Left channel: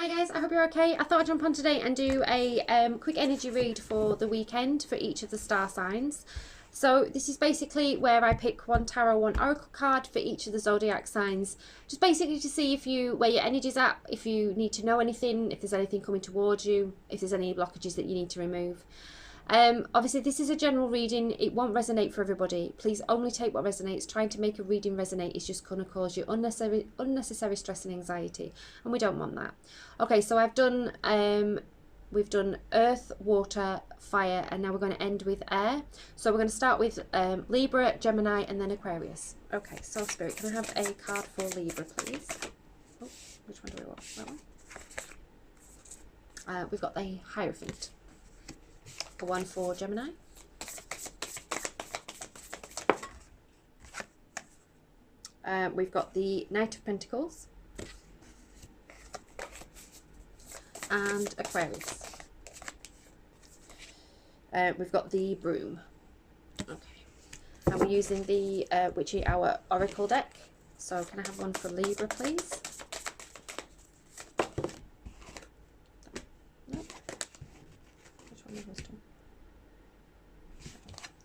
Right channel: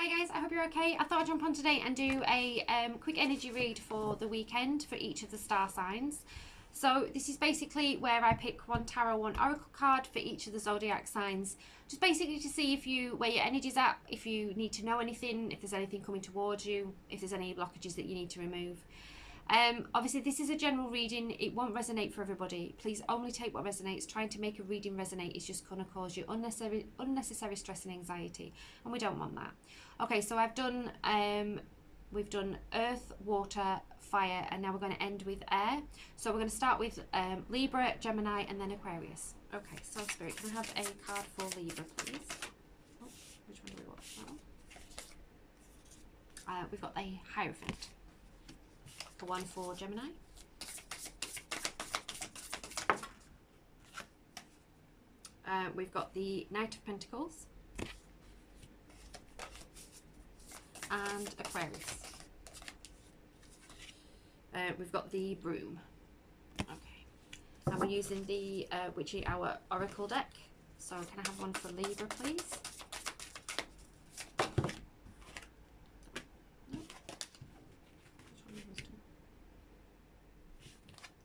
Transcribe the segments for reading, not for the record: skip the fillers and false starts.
Hi guys, I hope you're okay. I thought I'd jump on today and do a quick energy read for the weekend for each of the star signs. So this is basically where I pick one tarot, one oracle card for each of the zodiac signs, just basically to see where your energy's at, if you need to know anything, if there's anything coming towards you, if there's any blockages that you need to remove. Obviously this is a general reading, it won't resonate for everybody. Please only take what resonates. Trying to make a reading resonate is just going to cause you unnecessary stress and anxiety, and we don't want that. Okay, so we've done earth, water, fire, and now we're going to end with air. So we're going to start with Libra, Gemini, and then Aquarius. Okay, so Spirit, can I have a card for Libra, please? Oh, which one do we want? That one? We've got the Hierophant. One for Gemini. We've got the Knight of Pentacles. And Aquarius. We've got the Broom. Okay. And we're using the Witchy Hour Oracle deck. So can I have one for Libra, please? No. Which one of those two?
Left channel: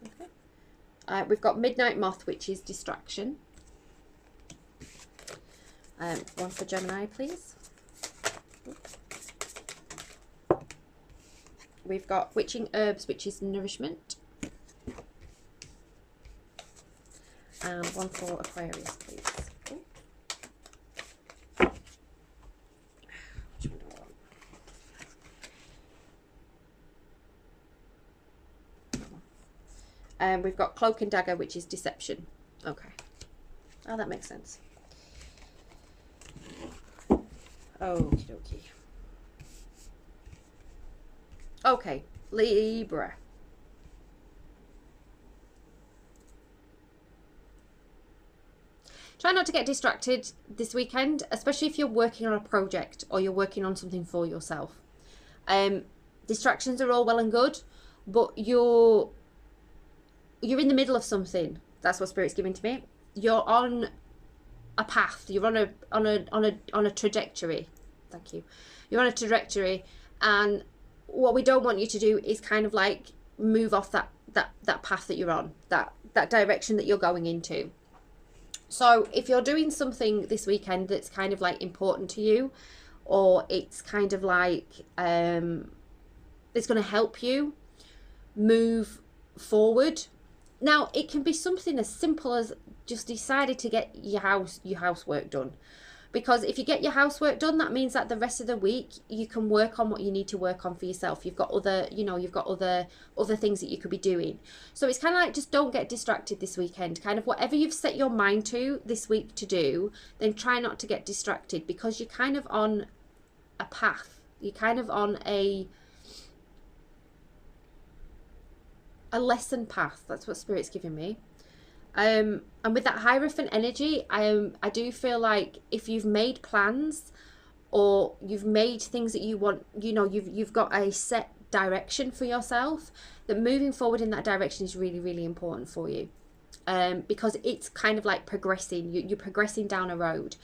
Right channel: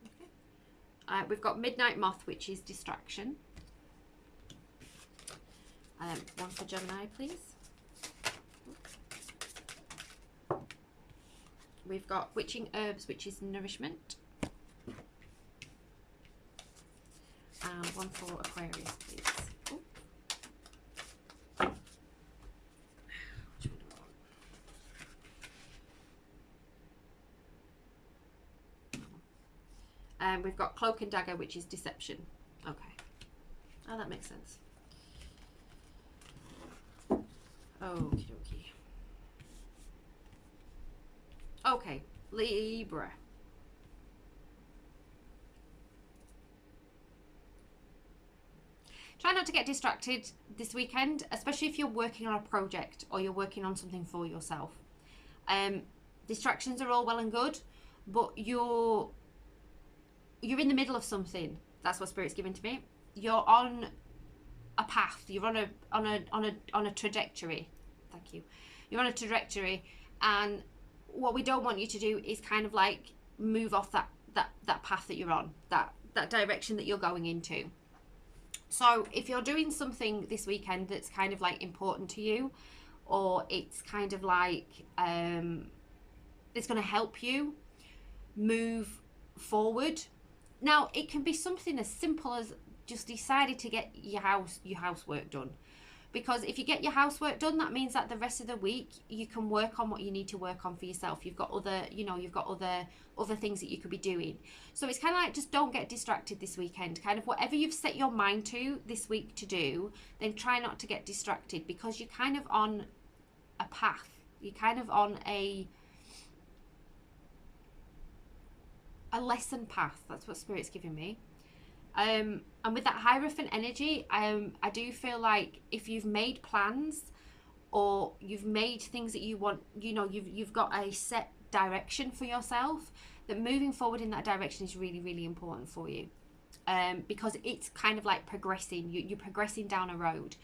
Okay. We've got Midnight Moth, which is Distraction. One for Gemini, please. We've got Witching Herbs, which is Nourishment. And one for Aquarius, please. Ooh. Which one do I want? We've got Cloak and Dagger, which is Deception. Okay. Oh, that makes sense. Okie dokie. Okay, Libra. Try not to get distracted this weekend, especially if you're working on a project or you're working on something for yourself. Distractions are all well and good, but you're in the middle of something. That's what Spirit's giving to me. You're on a path. You're on a trajectory. Thank you. You're on a trajectory, and what we don't want you to do is kind of like move off that path that you're on, that direction that you're going into. So if you're doing something this weekend that's kind of like important to you, or it's kind of like it's going to help you move forward. Now it can be something as simple as just decided to get your housework done. Because if you get your housework done, that means that the rest of the week you can work on what you need to work on for yourself. You've got other, you've got other things that you could be doing. So it's kind of like, just don't get distracted this weekend. Kind of whatever you've set your mind to this week to do, then try not to get distracted, because you're kind of on a path. You're kind of on a lesson path. That's what Spirit's giving me. And with that Hierophant energy, I do feel like if you've made plans or you've made things that you want, you've got a set direction for yourself, that moving forward in that direction is really, really important for you. Because it's kind of like progressing. You're progressing down a road.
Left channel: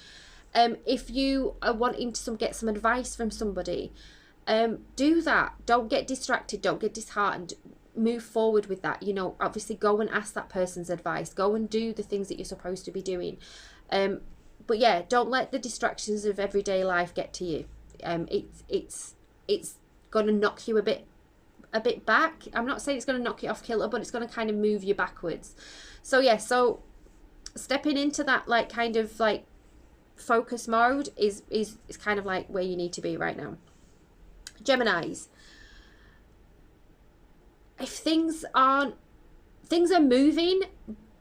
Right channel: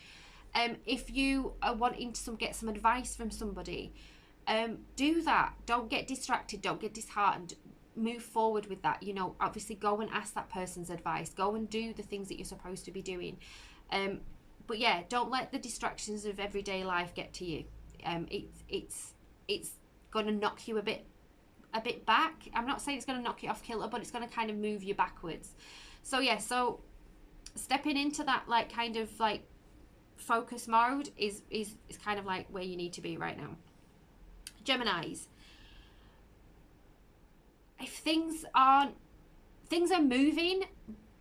If you are wanting to get some advice from somebody, do that. Don't get distracted. Don't get disheartened. Move forward with that. Obviously go and ask that person's advice. Go and do the things that you're supposed to be doing. But yeah, don't let the distractions of everyday life get to you. It's going to knock you a bit back. I'm not saying it's going to knock you off kilter, but it's going to kind of move you backwards. So yeah, so stepping into that like kind of like focus mode is kind of like where you need to be right now. Geminis. If things are moving,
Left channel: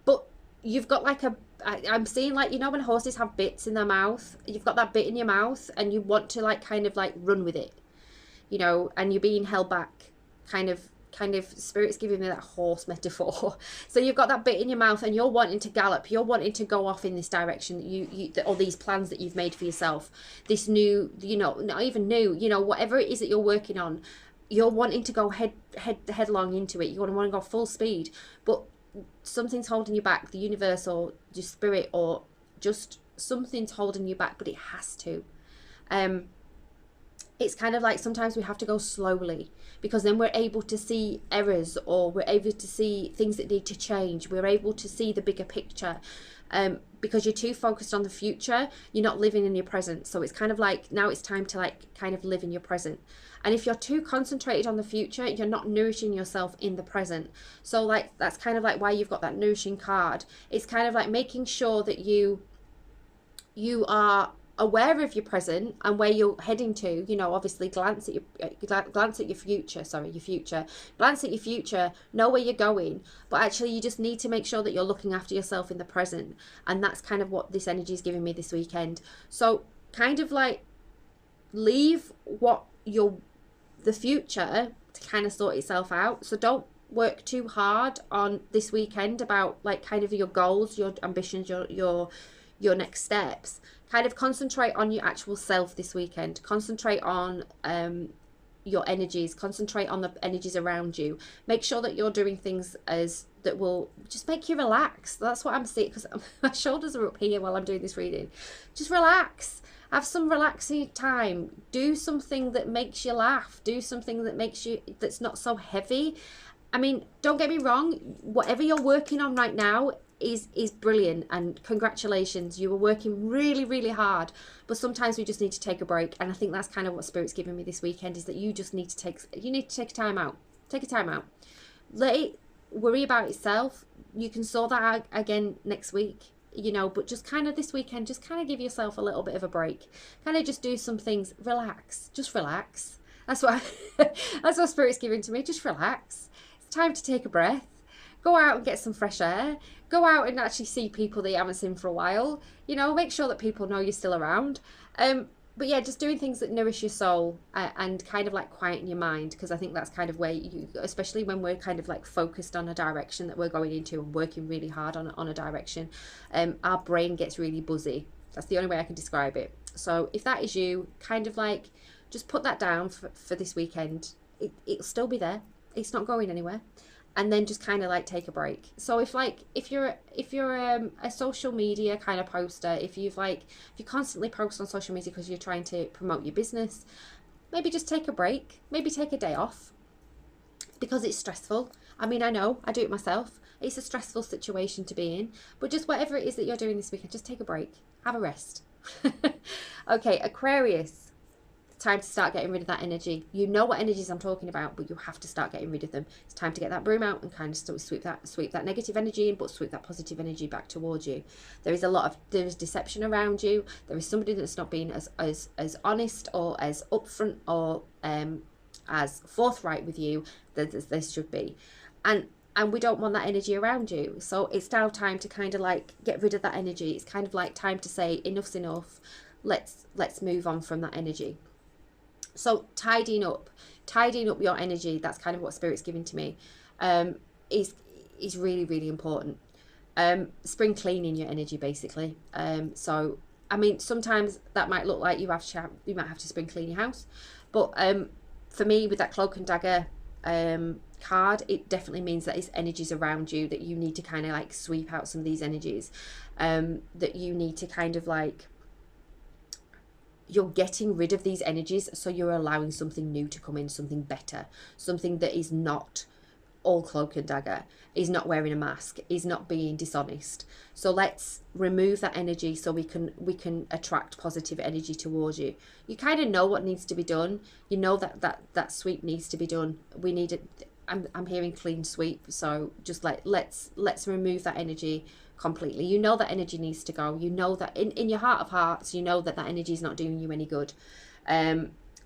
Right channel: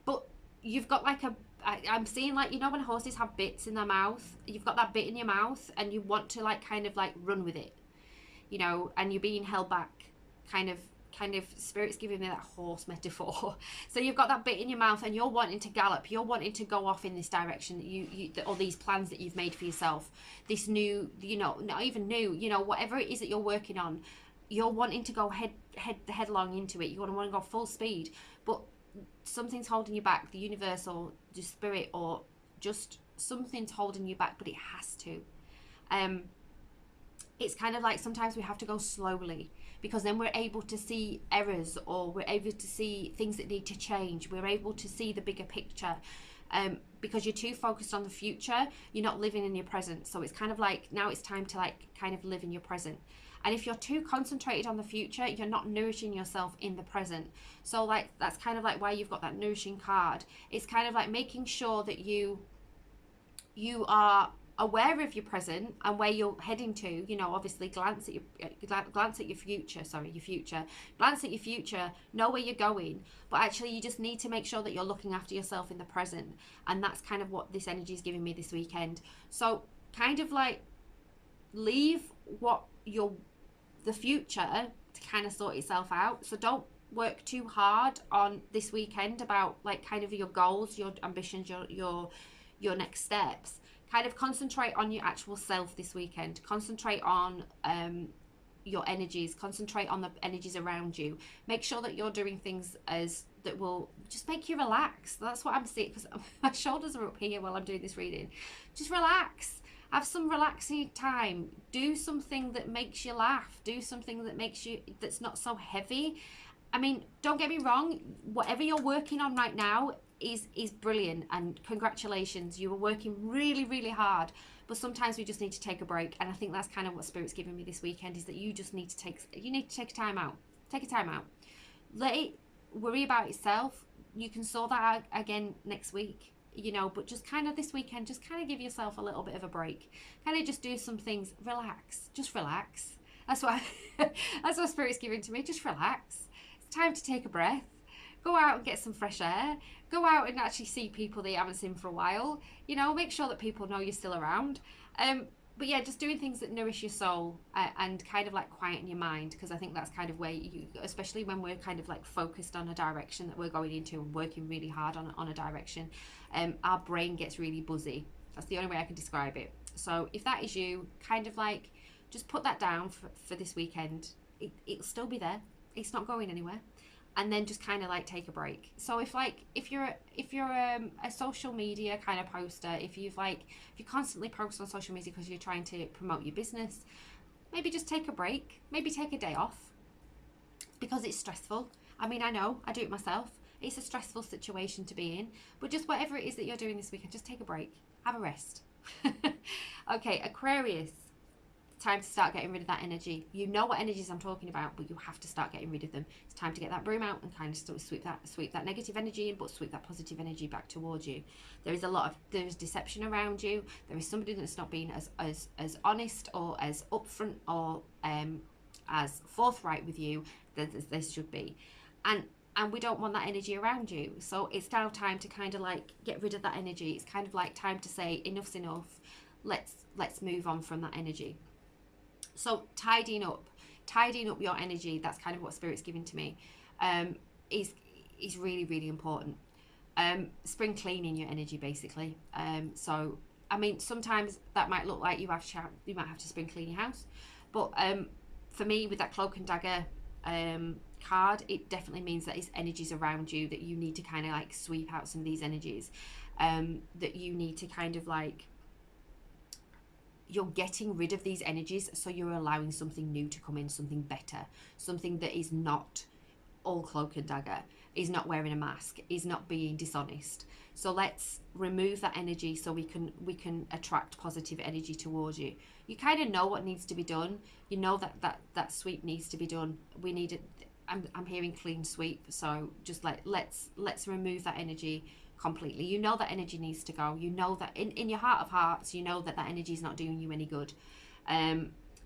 but you've got like I'm seeing like, when horses have bits in their mouth, you've got that bit in your mouth and you want to like kind of like run with it, and you're being held back, kind of Spirit's giving me that horse metaphor. So you've got that bit in your mouth and you're wanting to gallop, you're wanting to go off in this direction, or these plans that you've made for yourself, this new, not even new, whatever it is that you're working on. You're wanting to go headlong into it. You want to go full speed, but something's holding you back. The universe or just Spirit or just something's holding you back, but it has to. it's kind of like sometimes we have to go slowly, because then we're able to see errors, or we're able to see things that need to change. We're able to see the bigger picture. Because you're too focused on the future, you're not living in your present. So it's kind of like, now it's time to like kind of live in your present. And if you're too concentrated on the future, you're not nourishing yourself in the present. So like, that's kind of like why you've got that nourishing card. It's kind of like making sure that you are aware of your present and where you're heading to. You know, obviously glance at your future, glance at your future, know where you're going, but actually you just need to make sure that you're looking after yourself in the present. And that's kind of what this energy is giving me this weekend. So kind of like leave the future to kind of sort itself out. So don't work too hard on this weekend about like kind of your goals, your ambitions, your next steps. Kind of concentrate on your actual self this weekend. Concentrate on your energies. Concentrate on the energies around you. Make sure that you're doing things that will just make you relax. That's what I'm seeing, because my shoulders are up here while I'm doing this reading. Just relax. Have some relaxing time. Do something that makes you laugh. Do something that's not so heavy. I mean, don't get me wrong. Whatever you're working on right now is brilliant, and congratulations, you were working really, really hard. But sometimes we just need to take a break, and I think that's kind of what Spirit's giving me this weekend, is that you need to take a time out. Take a time out. Let it worry about itself. You can sort that out again next week, you know, but just kind of this weekend, just kind of give yourself a little bit of a break. Kind of just do some things. Relax. Just relax. That's what that's what Spirit's giving to me. Just relax. It's time to take a breath. Go out and get some fresh air. Go out and actually see people that you haven't seen for a while. You know, make sure that people know you're still around. But yeah, just doing things that nourish your soul and kind of like quieten your mind, because I think that's kind of where you, especially when we're kind of like focused on a direction that we're going into and working really hard on a direction, our brain gets really buzzy. That's the only way I can describe it. So if that is you, kind of like just put that down for this weekend. It'll still be there. It's not going anywhere. And then just kind of like take a break. So if you're a social media kind of poster, if you constantly post on social media because you're trying to promote your business, maybe just take a break. Maybe take a day off, because it's stressful. I mean, I know, I do it myself. It's a stressful situation to be in, but just whatever it is that you're doing this weekend, just take a break, have a rest. Okay, Aquarius. Time to start getting rid of that energy. You know what energies I'm talking about, but you have to start getting rid of them. It's time to get that broom out and kind of sweep that negative energy in, but sweep that positive energy back towards you. There is deception around you. There is somebody that's not being as honest or as upfront or as forthright with you as they should be, and we don't want that energy around you. So it's now time to kind of like get rid of that energy. It's kind of like time to say enough's enough. Let's move on from that energy. So tidying up your energy, that's kind of what Spirit's giving to me, is really, really important. Spring cleaning your energy, basically. So I mean, sometimes that might look like you might have to spring clean your house, but for me, with that Cloak and Dagger card, it definitely means that it's energies around you that you need to kind of like sweep out some of these energies, that you need to kind of like, you're getting rid of these energies, so you're allowing something new to come in, something better, something that is not all Cloak and Dagger, is not wearing a mask, is not being dishonest. So let's remove that energy so we can attract positive energy towards you. You kind of know what needs to be done. You know that sweep needs to be done. We need it. I'm hearing clean sweep. So just let's remove that energy completely. You know that energy needs to go. You know that in your heart of hearts, you know that energy is not doing you any good.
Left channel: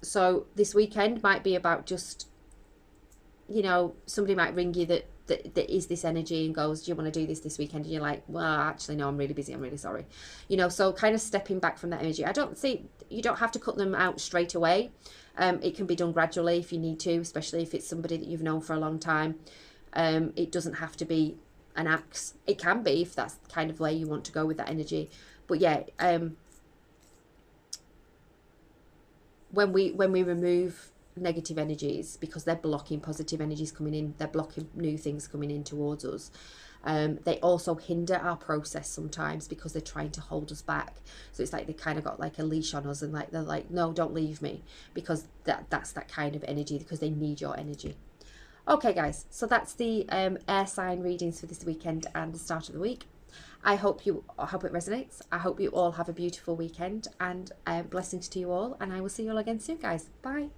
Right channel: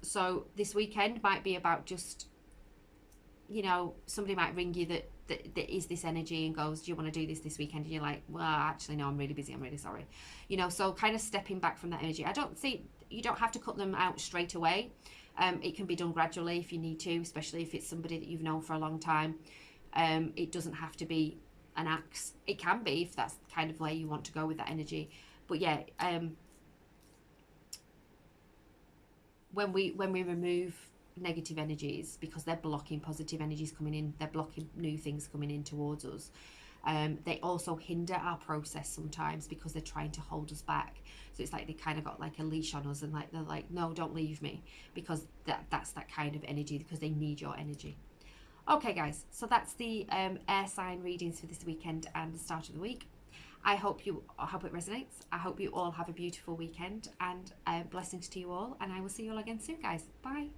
So this weekend might be about just, you know, somebody might ring you that is this energy and goes, do you want to do this weekend? And you're like, well, actually no, I'm really busy, I'm really sorry, you know. So kind of stepping back from that energy. You don't have to cut them out straight away. It can be done gradually if you need to, especially if it's somebody that you've known for a long time. It doesn't have to be an axe. It can be, if that's the kind of way you want to go with that energy. But yeah, when we remove negative energies, because they're blocking positive energies coming in, they're blocking new things coming in towards us, They also hinder our process sometimes because they're trying to hold us back. So it's like they kind of got like a leash on us, and like they're like, no, don't leave me, because that's that kind of energy, because they need your energy. Okay, guys, so that's the air sign readings for this weekend and the start of the week. I hope it resonates. I hope you all have a beautiful weekend, and blessings to you all, and I will see you all again soon, guys. Bye.